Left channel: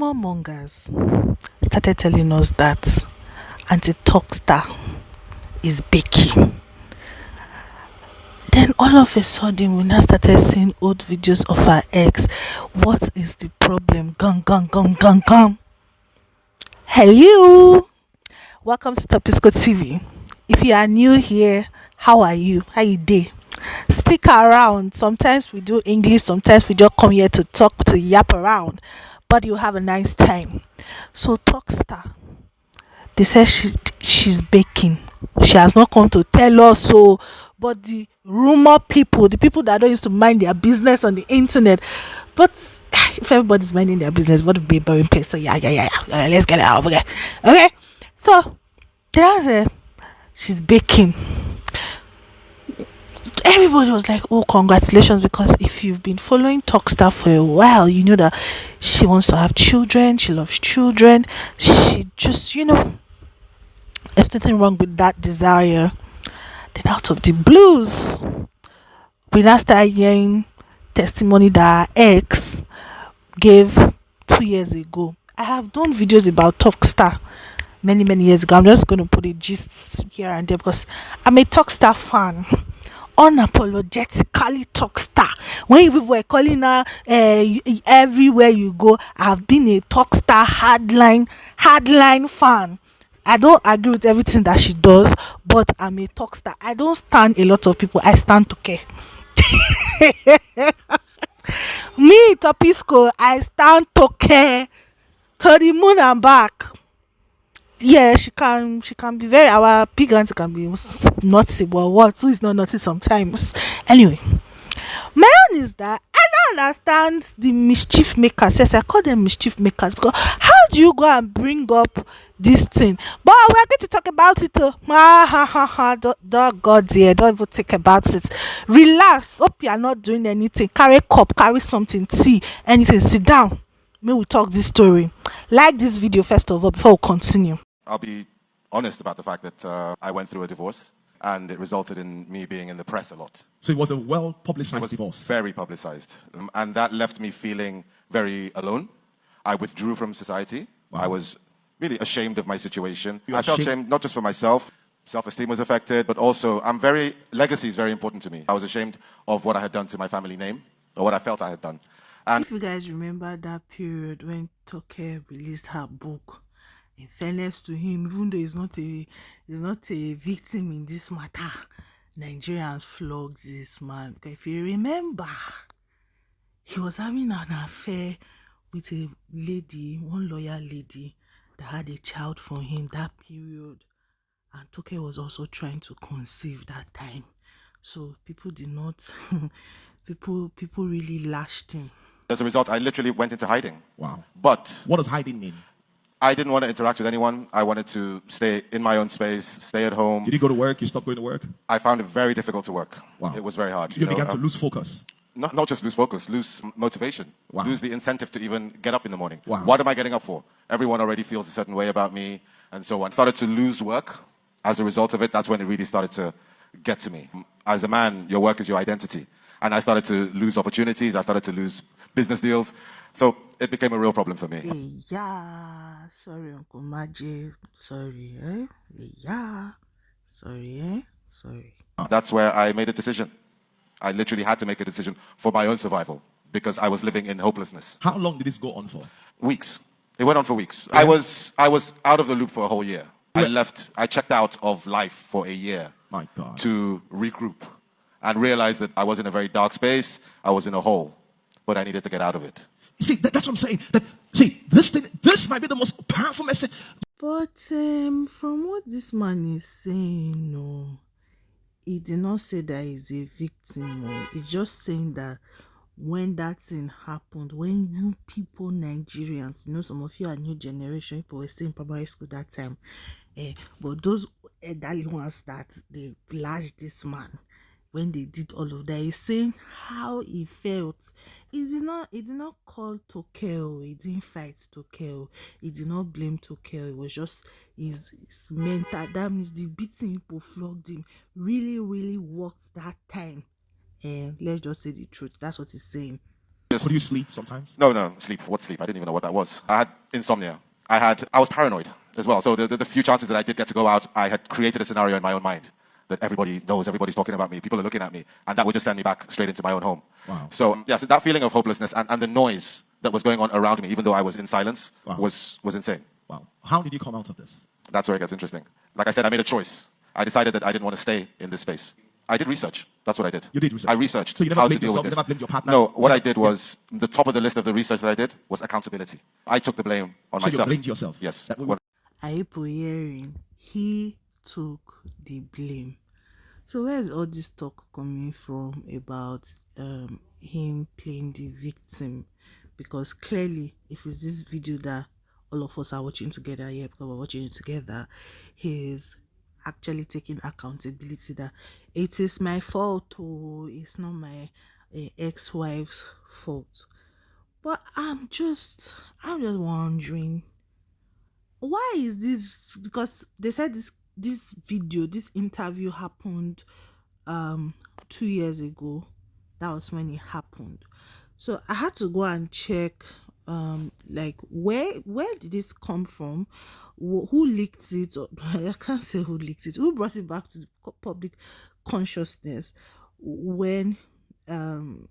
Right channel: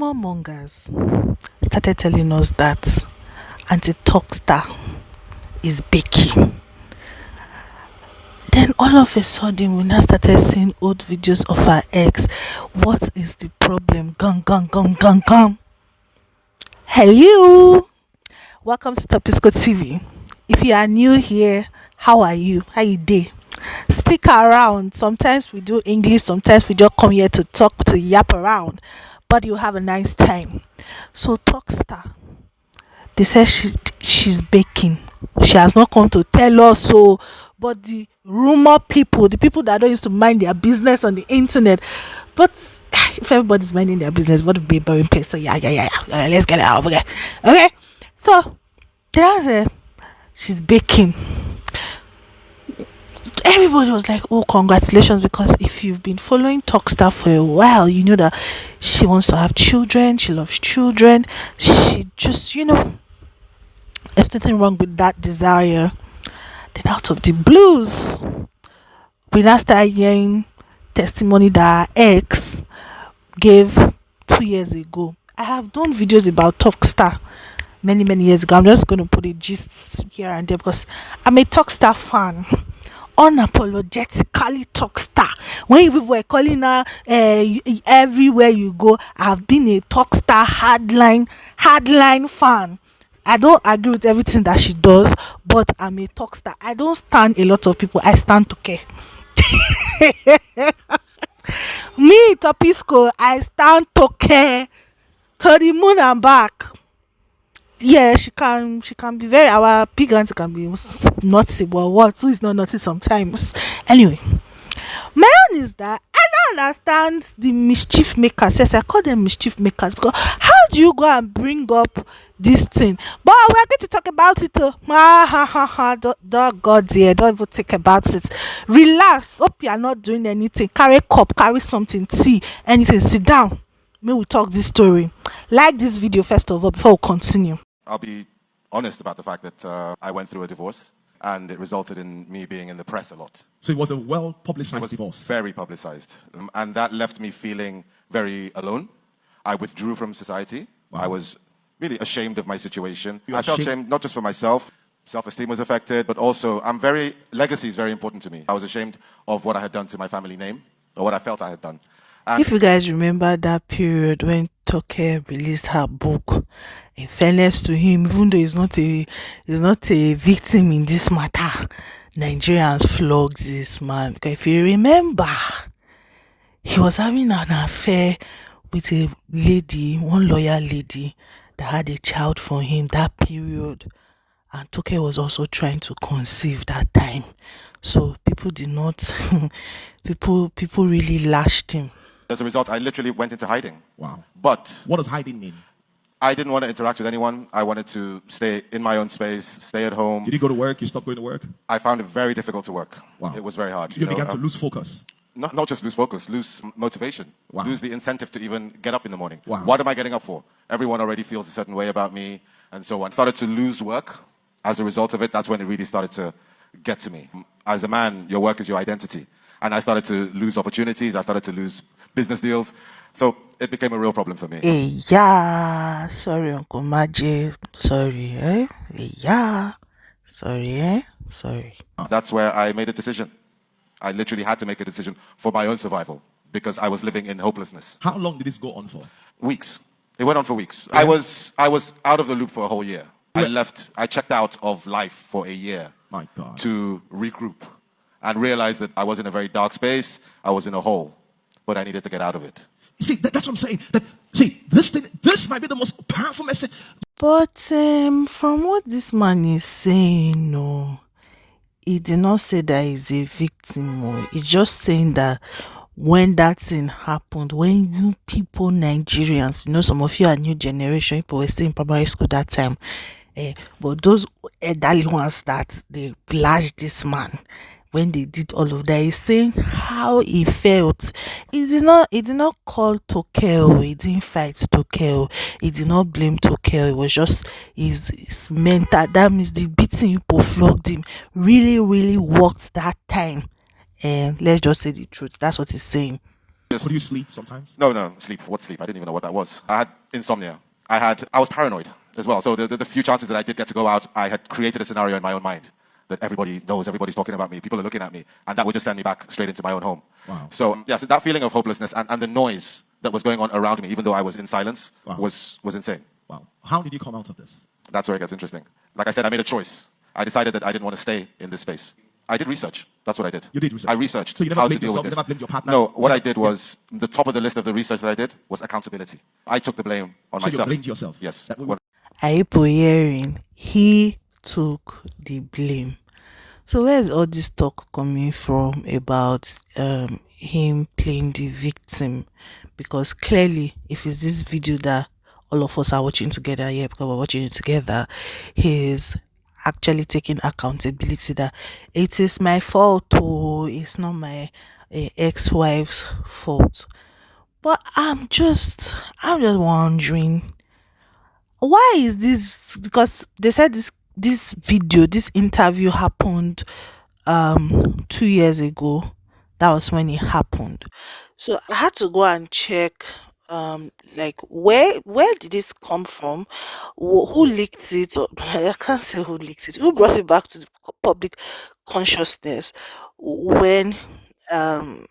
rumor mongers started telling us that anti-talk star is baking. Then all of a sudden we now started seeing old videos of our ex. What is the problem? Gun. Hello, welcome to topisqotv. If you are new here, how are you? How you day? Stick around. Sometimes we do English, sometimes we just come here to talk, to yap around, but you have a nice time. So talk star, they said she's baking. She has not come to tell us so, but the rumor people, the people that don't used to mind their business on the internet, but if everybody's minding their business, what would be a boring place? So yeah, let's get it out. Okay. So there she's baking. Everybody was like, oh, congratulations, because if you've been following Talkstar for a while, you know that she wants to have children, she loves children, she just, there's nothing wrong with that desire. Then out of the blues, we now started hearing testimony that our ex gave 2 years ago. I have done videos about Talkstar many years ago. I'm just going to put a gist here and there because I'm a Talkstar fan. Unapologetically Talkstar. When people were calling her everywhere you go, I've been a Talkstar hardline fan. I don't agree with everything that she does, but I'm a Talkstar. I don't stand a lot of people. I stand Toke. Me, Topisco, I stand Toke to the moon and back. Yeah, she can be very, our big auntie can be naughty, but what? Who is not naughty sometimes? Anyway, my own is that I don't understand the mischief makers. Yes, I call them mischief makers because how do you go and bring up this thing? But we're going to talk about it. Don't God dear, don't even think about it. Relax. Hope you are not doing anything. Carry a cup, carry something, tea, anything. Sit down. May we talk this story. Like this video first of all before we continue. I'll be honest about the fact that I went through a divorce and it resulted in me being in the press a lot. So it was a well-publicized divorce? Very publicized. And that left me feeling very alone. I withdrew from society. Wow. I was really ashamed of my situation. I felt ashamed not just for myself. Self-esteem was affected, but also legacy is very important to me. I was ashamed of what I had done to my family name, or what I felt I had done. And if you guys remember that period when Toke released her book, in fairness to him, even though he's not a victim in this matter, Nigerians flogged this man. Because if you remember, he was having an affair with a lady, one lawyer lady that had a child for him that period, and Toke was also trying to conceive that time. So people did not, people really lashed him. As a result, I literally went into hiding. Wow. But what does hiding mean? I didn't want to interact with anyone. I wanted to stay in my own space, stay at home. Did you go to work? You stopped going to work? I found it very difficult to work. Wow. It was very hard. You began to lose focus? Not just lose focus, lose motivation. Wow. Lose the incentive to even get up in the morning. Wow. What am I getting up for? Everyone already feels a certain way about me, and so on. Started to lose work. As a result of it, that's when it really started to get to me. As a man, your work is your identity. And I started to lose opportunities. I started to lose business deals. So it became a real problem for me. Yeah, sorry, Uncle Maje. Sorry, Yeah, sorry, Sorry. That's where I made a decision. I literally had to make a decision for my own survival because I was living in hopelessness. How long did this go on for? Weeks. It went on for weeks. Yeah. I was out of the loop for a whole year. I checked out of life for a year. My God. To regroup and realize that I was in a very dark space. I was in a hole, but I needed to get out of it. See, that's what I'm saying. This might be the most powerful message. But from what this man is saying, no, he did not say that he's a victim. Or he's just saying that when that thing happened, when you people, Nigerians, some of you are new generation, people were still in primary school that time, but those elderly ones that they flashed this man, when they did all of that, he's saying how he felt. He did not call Toke, he didn't fight Toke, he did not blame Toke. It was just his mental. That means the beating people flogged him really worked that time. And let's just say the truth. That's what he's saying. Could you sleep sometimes? No, sleep. What sleep? I didn't even know what that was. I had insomnia. I was paranoid as well. So the few chances that I did get to go out, I had created a scenario in my own mind that everybody knows, everybody's talking about me, people are looking at me, and that would just send me back straight into my own home. Wow. So so that feeling of hopelessness and the noise that was going on around me, even though I was in silence, Wow. was insane. Wow. How did you come out of this? That's where it gets interesting. Like I said, I made a choice. I decided that I didn't want to stay in this space. I did research. That's what I did. You did research? I researched So you never how to blamed deal yourself, with you this. never blamed your partner? No, what I did was, the top of the list of the research that I did was accountability. I took the blame on So myself. you blamed yourself? Yes. Are you hearing? He took the blame. So where is all this talk coming from about him playing the victim? Because clearly, if it's this video that all of us are watching together here, because we're watching it together, he's actually taking accountability that it is my fault, oh, it's not my ex-wife's fault. But I'm just wondering, why is this? Because they said this interview happened 2 years ago. That was when it happened. So I had to go and check like where did this come from, who leaked it, or I can't say who leaked it, who brought it back to the public consciousness, when um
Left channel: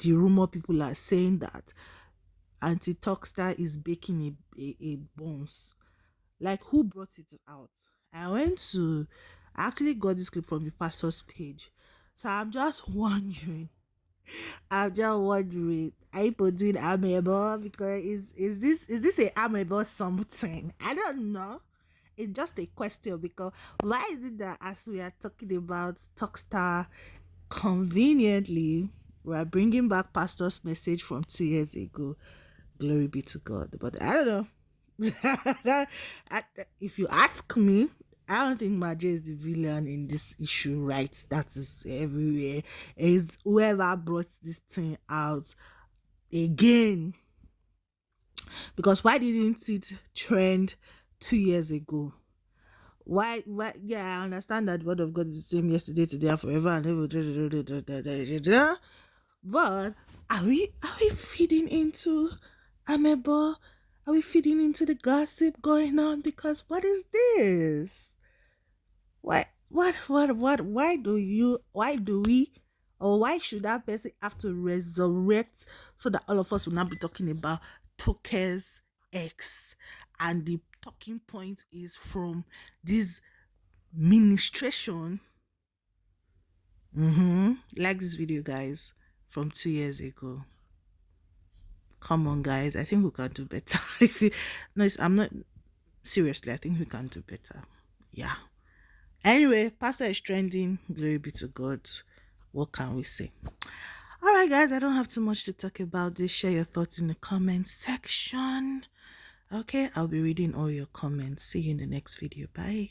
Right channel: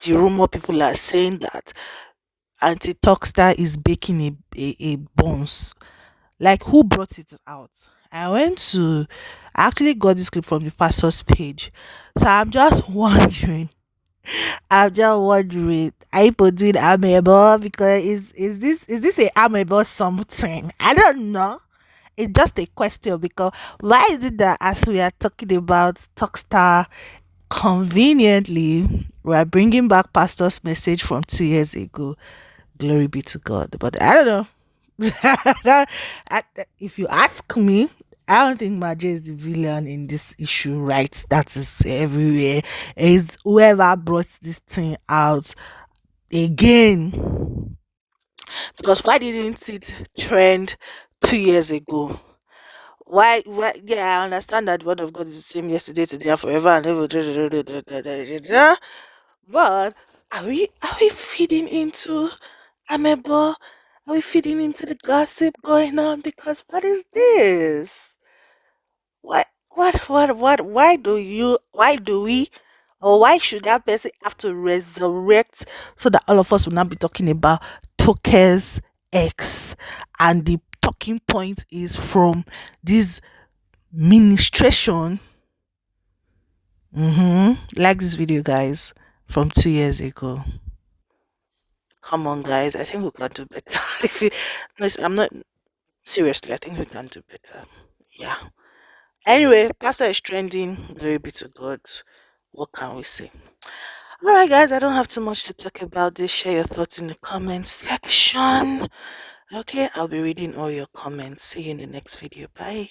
the rumor people are saying that anti Talkstar is baking a buns. Like, who brought it out? I actually got this clip from the pastor's page. So I'm just wondering. Are people doing amiable? Because is this a amiable something? I don't know. It's just a question, because why is it that as we are talking about Talkstar, conveniently we are bringing back pastor's message from 2 years ago? Glory be to God. But I don't know. If you ask me, I don't think Maje is the villain in this issue, right? That is everywhere. Is whoever brought this thing out again. Because why didn't it trend 2 years ago? Why? Yeah, I understand that the word of God is the same yesterday, today, and forever and ever. But are we feeding into amebo? Are we feeding into the gossip going on? Because what is this? Why do we, or why should that person have to resurrect so that all of us will not be talking about Toke's ex? And the talking point is from this ministration. Like this video, guys, from 2 years ago. Come on, guys. I think we can do better. If you, no, I'm not, seriously, I think we can do better. Yeah. Anyway, Pastor is trending. Glory be to God. What can we say? All right, guys. I don't have too much to talk about this. Share your thoughts in the comment section. Okay, I'll be reading all your comments. See you in the next video. Bye.